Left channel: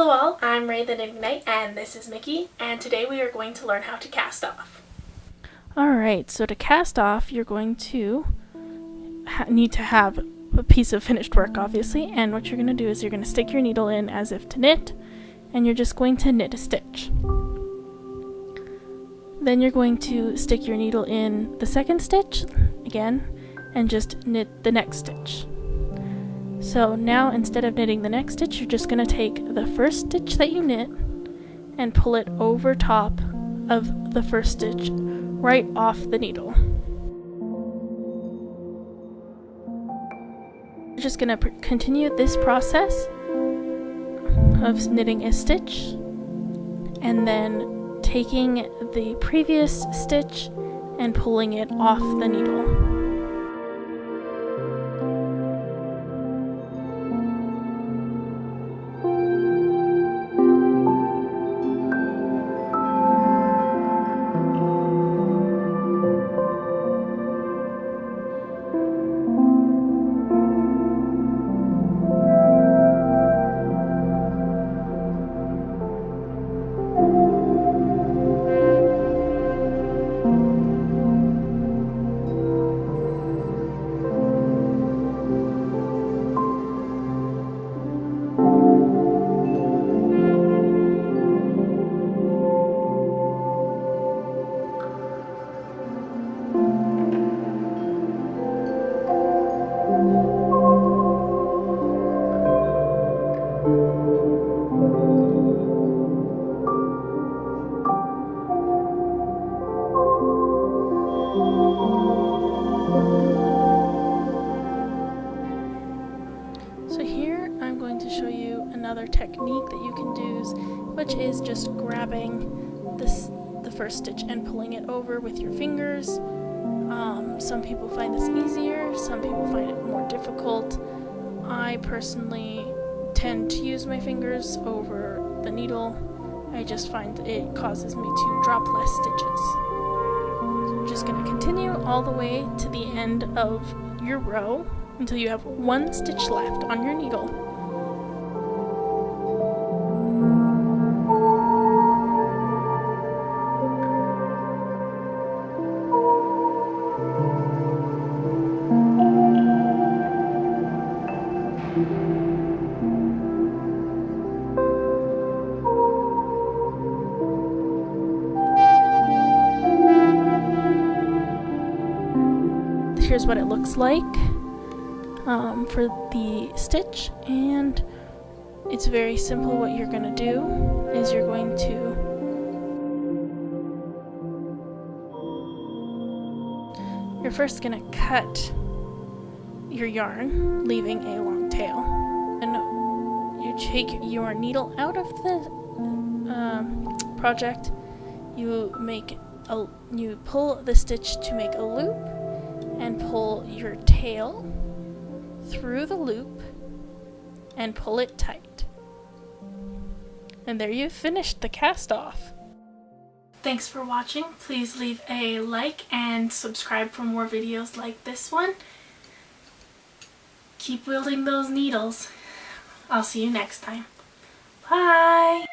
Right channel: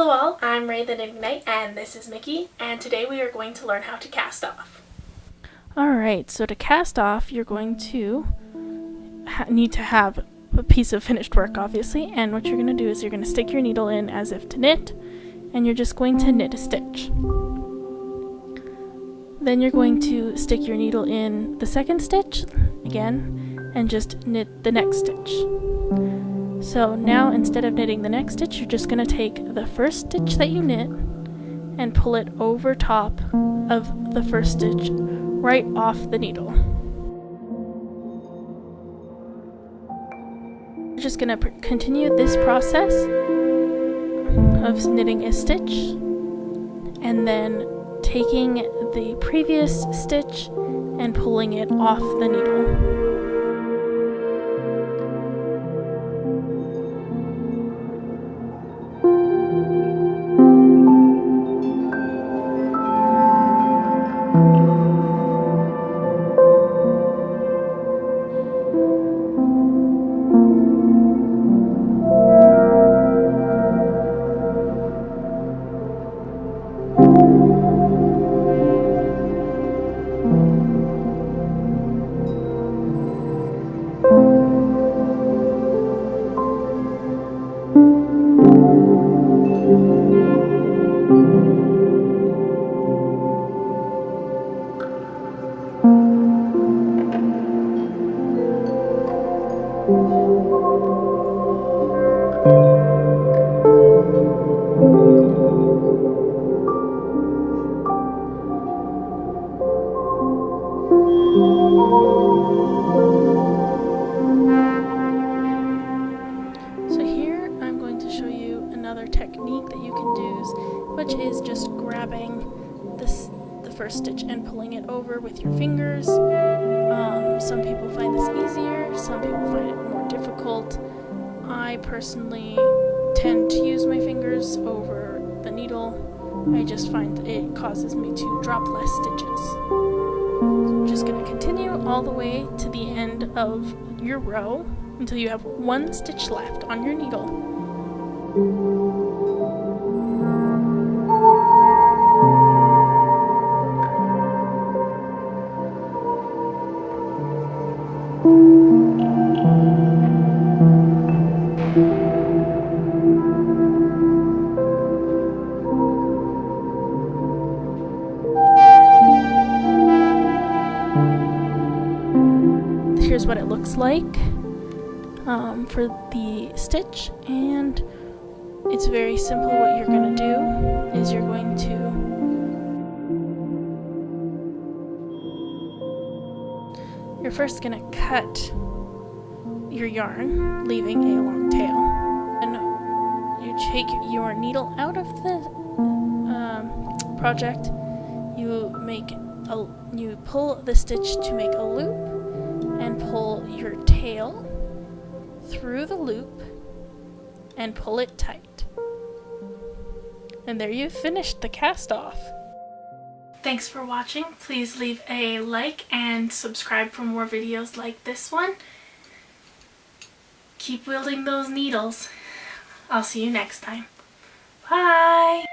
Hello all, I'm Ray the Knitting Knight and this is Mickey, and today we are going to learn how to cast off. Alright, so to cast off you're going to need to have a piece of finished work obviously, and what you're going to do is you're going to stick your needle in as if to knit, and you're just going to knit a stitch. Then you're going to stick your needle in the second stitch again and just knit the next stitch. So now instead of knitting the next stitch, you're just going to take the first stitch that you knit and pull it over top of the first stitch right off the needle. You're just going to continue this process of knitting a stitch and then taking the previous stitch and pulling it off the needle. So here I'm going to show you another technique that you can do, which is just grabbing the first stitch and pulling it over with your fingers. Some people find this easier, some people find it more difficult. I personally tend to use my fingers over the needle. I just find that it causes me to drop less stitches. So I'm just going to continue all the way to the end of your row until you have one stitch left on your needle. Here's what it looks like for the stitch, and it's very simple. What you're going to do is you're going to you're first going to cut your yarn, leaving a long tail, and you take your needle out of the project. You pull the stitch to make a loop and pull your tail through the loop and pull it tight. And there you've finished the cast off. Thanks for watching. Please leave a like and subscribe for more videos like this one. Keep wielding those needles. I'll see you next time. Bye!